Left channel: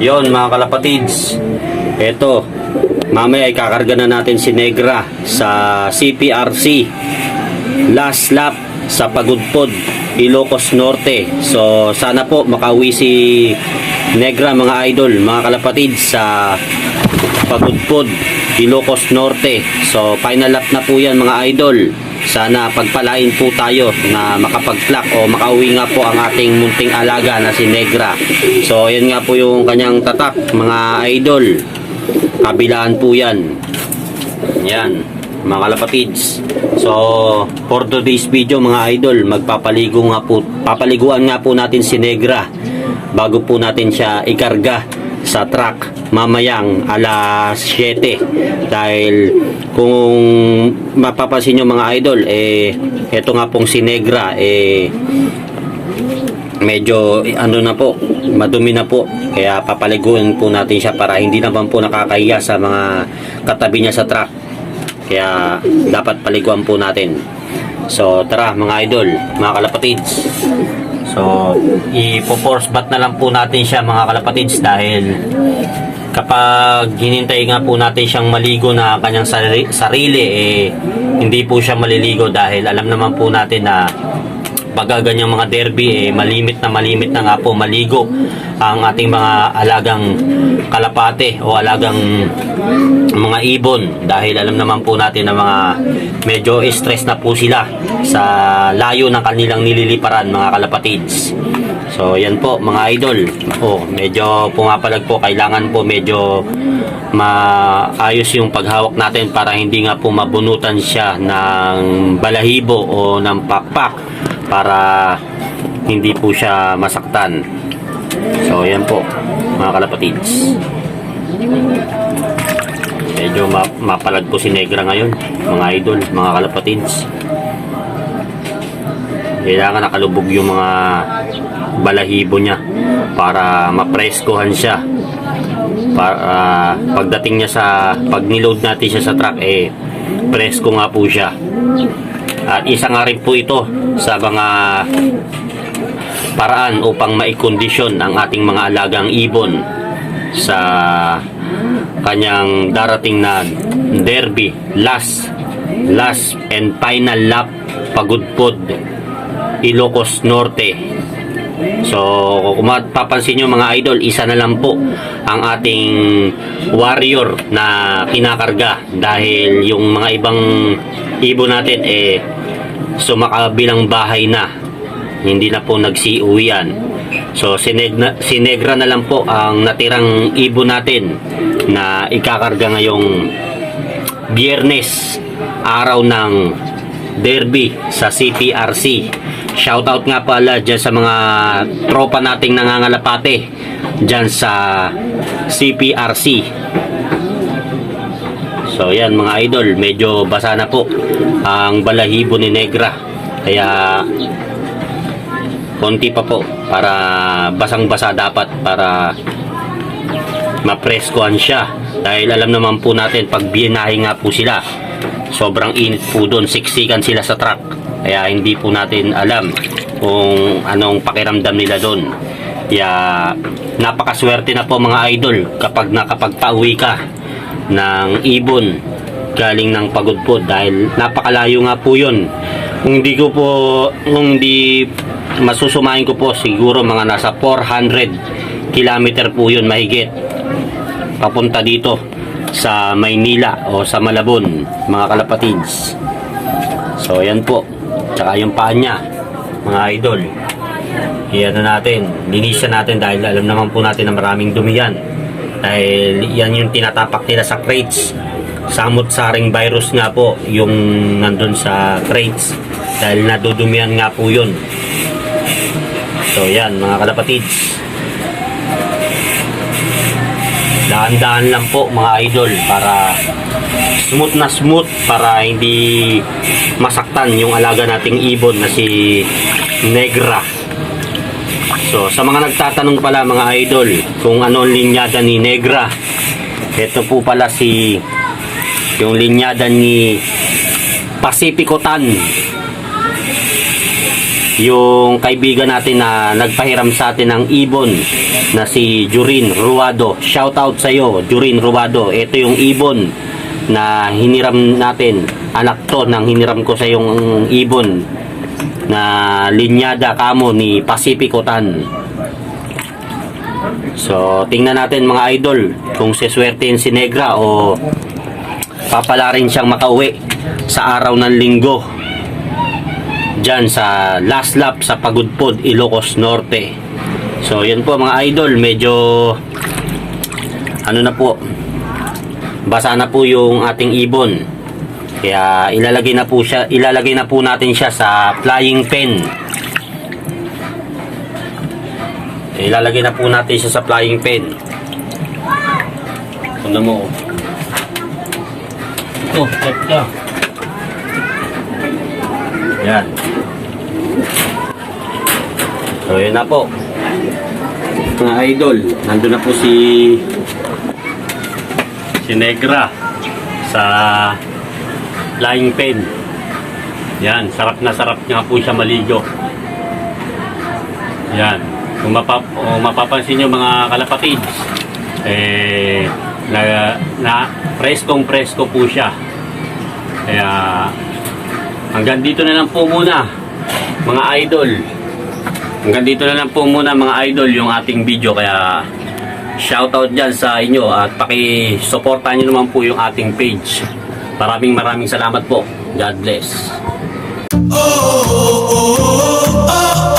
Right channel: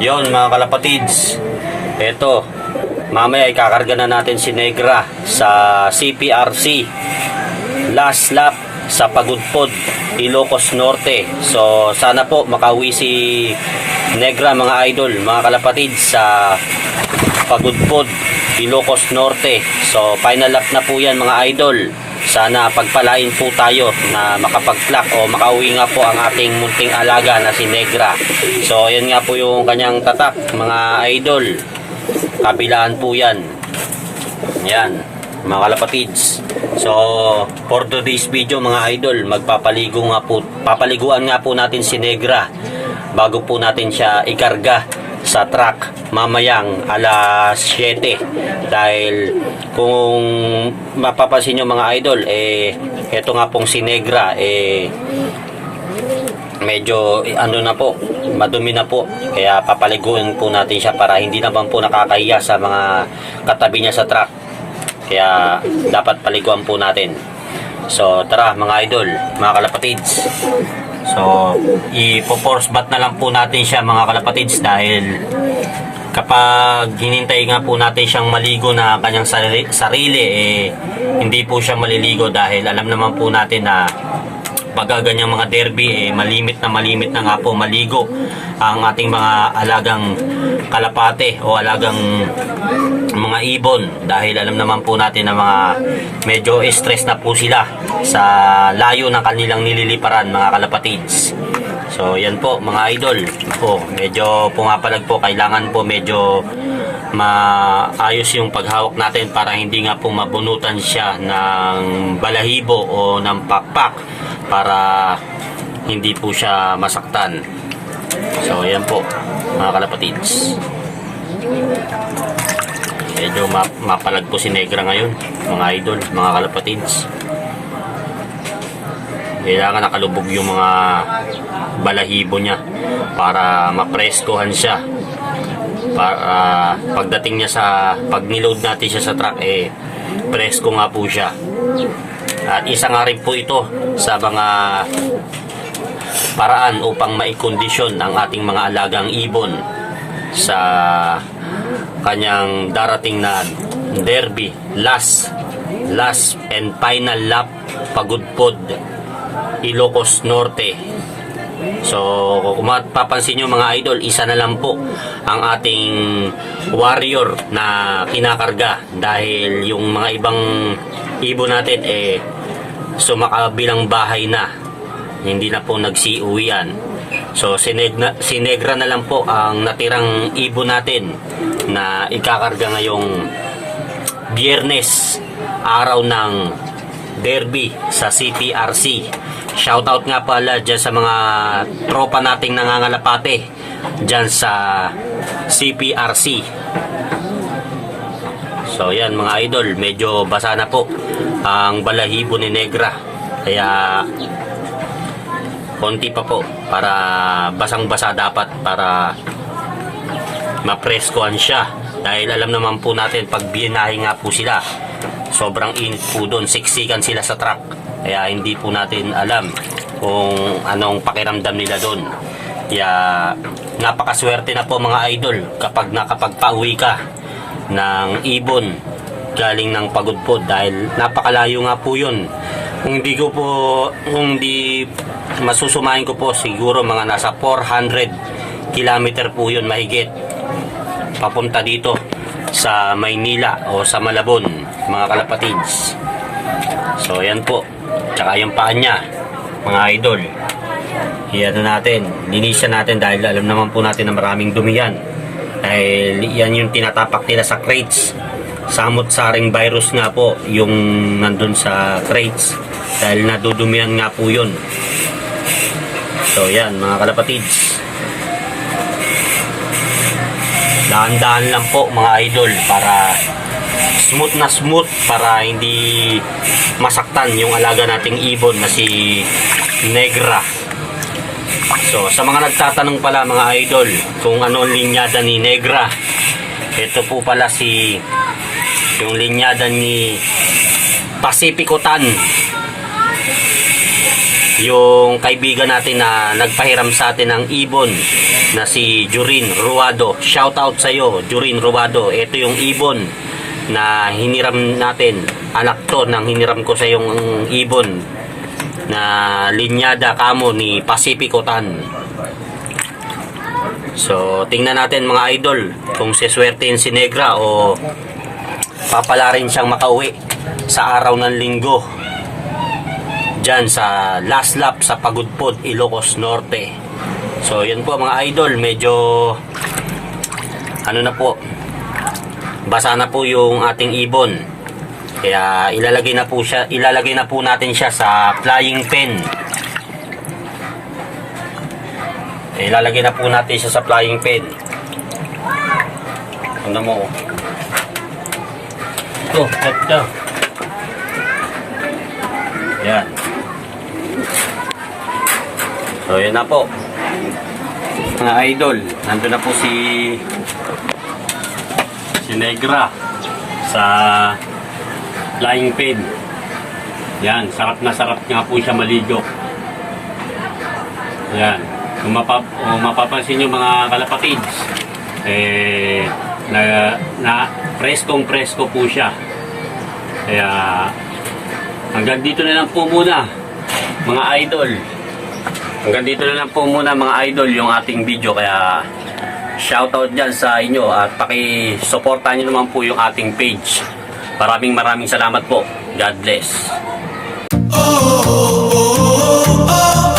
Yon mga kalapatids, eto mamaya ikakarga na natin si Negra sa CPRC last lap sa Pagudpod, Ilocos Norte. So sana po makauwi si Negra mga idol, mga kalapatids, sa Pagudpod, Ilocos Norte. So final lap na po yan mga idol. Sana pagpalain po tayo na makapag-clock o makauwi nga po ang ating munting alaga na si Negra. So yan nga po yung kanyang tatak mga idol. Kabilaan po yan. Yan mga kalapatids. So for today's video mga idol, papaliguan nga po natin si Negra bago po natin siya ikarga sa truck mamayang alas 7. Dahil kung mapapansin nyo mga idol, eto nga pong si Negra medyo na po, madumi na po, kaya papaliguan po natin siya para hindi naman po nakakahiya sa mga katabi niya sa truck. Kaya dapat paliguan po natin. So tara mga idol, mga kalapatids. So ipo-force bath na lang po natin siya mga kalapatids, dahil kapag hinintay nga po natin siyang maligo na kanyang sarili, hindi po siya maliligo, dahil alam naman po natin na pag ganyang mga derby, malimit na nga po maligo ang ating mga alagang kalapate o alagang mga ibon, dahil alam naman po natin na mga medyo stress na po sila sa layo ng kanilang nililiparan mga kalapatids. So yan po mga idol, medyo pumapalag po, kailangan po medyo maayos yung paghawak natin para hindi nga po mabunutan siya ng balahibo o ng pakpak, para hindi po siya masaktan. So yan po mga kalapatids, medyo mapalag po si Negra ngayon mga idol, mga kalapatids. Kailangan nakalubog yung mga balahibo niya para mapreskohan siya, para pagdating niya pag niload natin siya sa truck, presko nga po siya. At isa nga rin po ito sa mga paraan upang maikondisyon ang ating mga alagang ibon sa kanyang darating na derby, last and final lap, Pagudpod, Ilocos Norte. So kung mapapansin nyo mga idol, isa na lang po ang ating warrior na kinakarga, dahil yung mga ibang ibon natin sumakabilang bahay na, hindi na po nagsiuwian. So si Negra na lang po ang natirang ibon natin na ikakarga ngayong Biyernes, araw ng derby sa CPRC. Shoutout nga pala dyan sa mga tropa nating nangangalapate dyan sa CPRC. So yan mga idol, medyo basa na po ang balahibo ni Negra, kaya konti pa po, para basang-basa dapat, para mapreskohan siya. Dahil alam naman po natin, pag binahe nga po sila, sobrang init po doon, siksikan sila sa truck, kaya hindi po natin alam kung anong pakiramdam nila doon. Kaya napakaswerte na po mga idol kapag nakapagpauwi ka ng ibon galing ng Pagudpod, dahil napakalayo nga po yun. Kung di masusumahin ko po, siguro mga nasa 400 kilometer po yun mahigit, papunta dito sa Maynila o sa Malabon mga kalapatids. So yan po, tsaka yung paa niya mga idol, linisan natin, dahil alam naman po natin na maraming dumi yan, dahil yan yung tinatapak nila sa crates. Samot-saring virus nga po yung nandun sa crates, dahil nadudumihan nga po yun. So yan mga kalapatids, dahan-dahan lang po mga idol, para smooth, para hindi masaktan yung alaga nating ibon na si Negra. So sa mga nagtatanong pala mga idol kung ano ang linyada ni Negra, ito po pala yung linyada ni Pacifico Tan. yung kaibigan natin na nagpahiram sa atin ng ibon na si Jurin Ruado. Shout out sa iyo, Jurin Ruado. Ito yung ibon na hiniram natin. Anak to ng hiniram ko sa yung ibon na linyada kamo ni Pacifico Tan. So, tingnan natin mga idol kung siswertein si Negra o papala rin siyang makauwi sa araw ng linggo dyan sa last lap sa Pagudpod, Ilocos Norte. So, yan po mga idol, medyo ano na po, basa na po yung ating ibon. Kaya ilalagay na po natin siya sa flying pen. Ilalagay na po natin siya sa flying pen. Ano mo? Ito, ito. Yan. So, yan na po. Mga idol, nandun na po si Negra sa flying pen. Yan, sarap na sarap nga po siya maligo. Yan. Kung mapapansin nyo mga kalapatids, na preskong-presko po siya. Kaya hanggang dito na lang po muna mga idol. Hanggang dito na lang po muna mga idol yung ating video. Kaya shoutout dyan sa inyo at paki-supportan nyo naman po yung ating page. Maraming salamat po. God bless. Oh, oh, oh, oh, oh.